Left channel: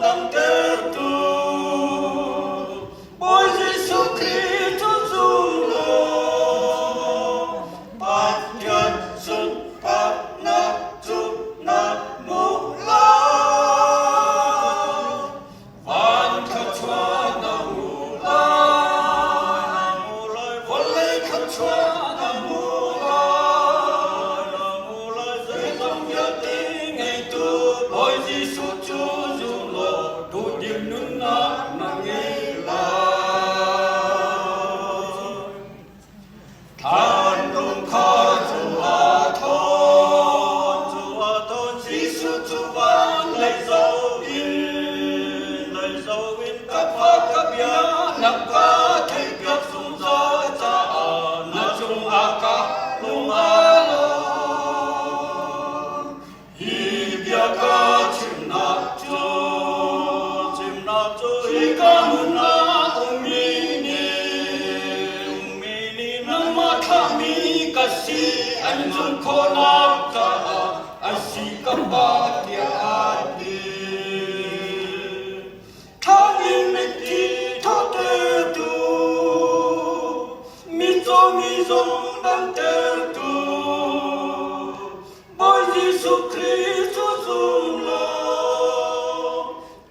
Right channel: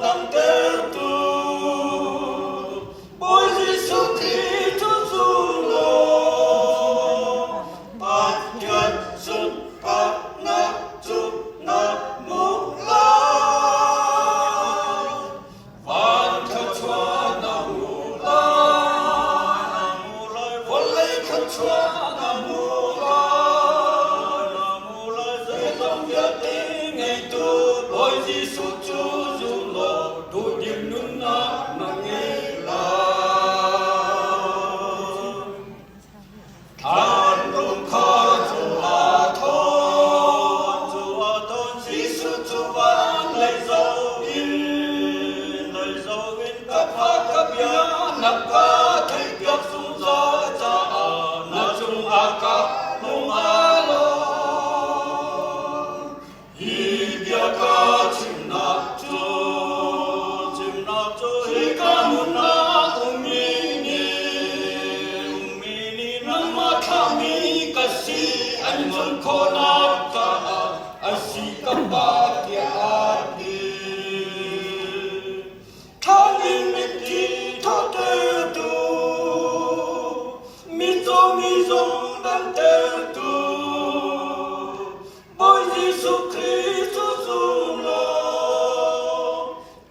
nam te tu Ôi Giêsu Christ dung lo Bát nhân sun bát na tu na mu la Van kha chua na mu la Von lê kha chua na mu la Dây dòng nhớ tiếng ngày tu Ôi Giêsu Chúa dung lo Tu điểm nun na nghe la Than rung kha chua thon Giêsu Chúa van lấy dấu in các phát các bia nắp ca thấy việc sung gió cha na chung a ca lung a lo hi bia ca chim nắp cho hi ca mun na umini nang ma kami kasi anjun ko nap cha asi ka ba dia adi Thangin miti thote tu mi zong dan te tu Boy Giêsu Christ dung lo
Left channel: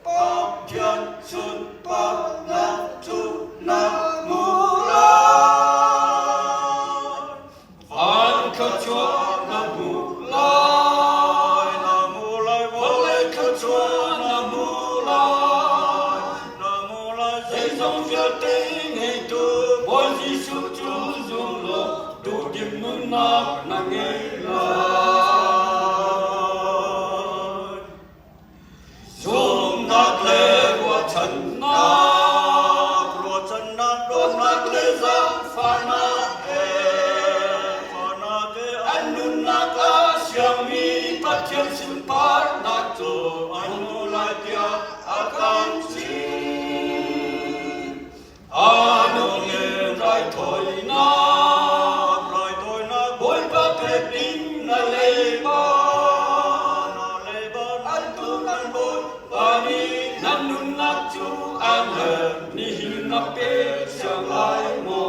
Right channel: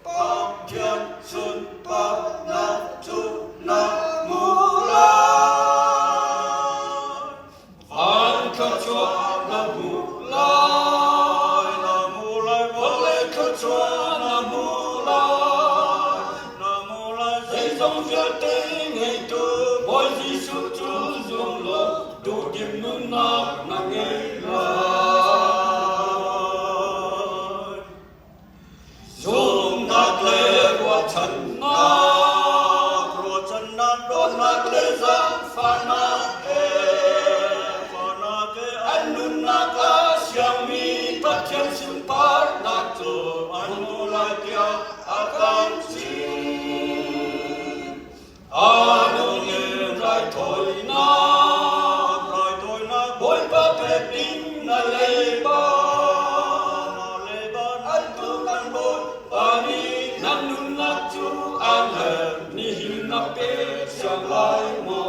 Bát nhân sun bát na tu na mu la Van kha chua na mu lai Von lê kha chua na mu lai Dây dòng phía tiếng ngày tu Ôi Giêsu Chúa dung lo Tu điểm nun na nghe lời Dung nát lê của chân na Đôn nát lê giang pha nát Anh nun nát á siang mi Bát thiên sun bát nát tu Anh mu lai tia a cam si Ano nghe rai thôi na Bôi ba phê tinh na lê ba Anh tu căn bôi ba ni Nang nun nát chu an hề Ni hin na bê siang lai mo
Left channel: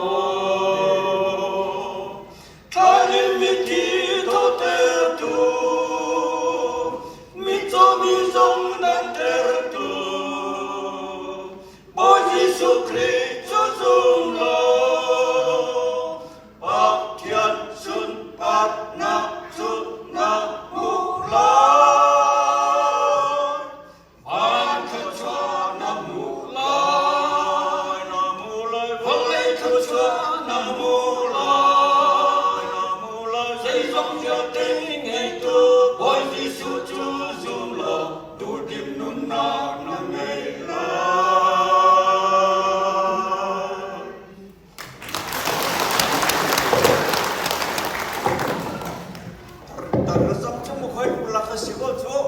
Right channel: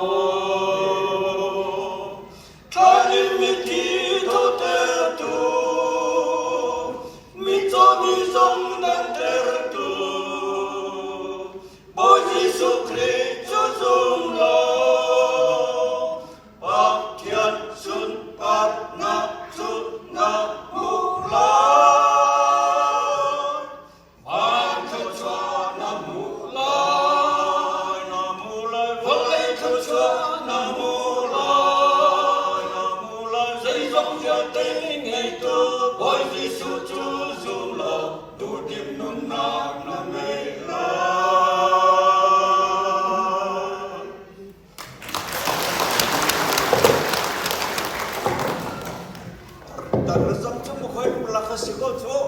Tha nhiên mi thi thô tê tu Mi zong nan tê tu Ôi Giêsu Christ dung lo Bát thiên sun bát na tu na mu la Van kha chua na mu lai Von lê kha chua na mu lai Dây dòng phía tiếng ngày tu Ôi Giêsu Chúa dung lo Tu điểm nun na nghe lời Tận nó dốc trong một khối là khởi sĩ của Chúa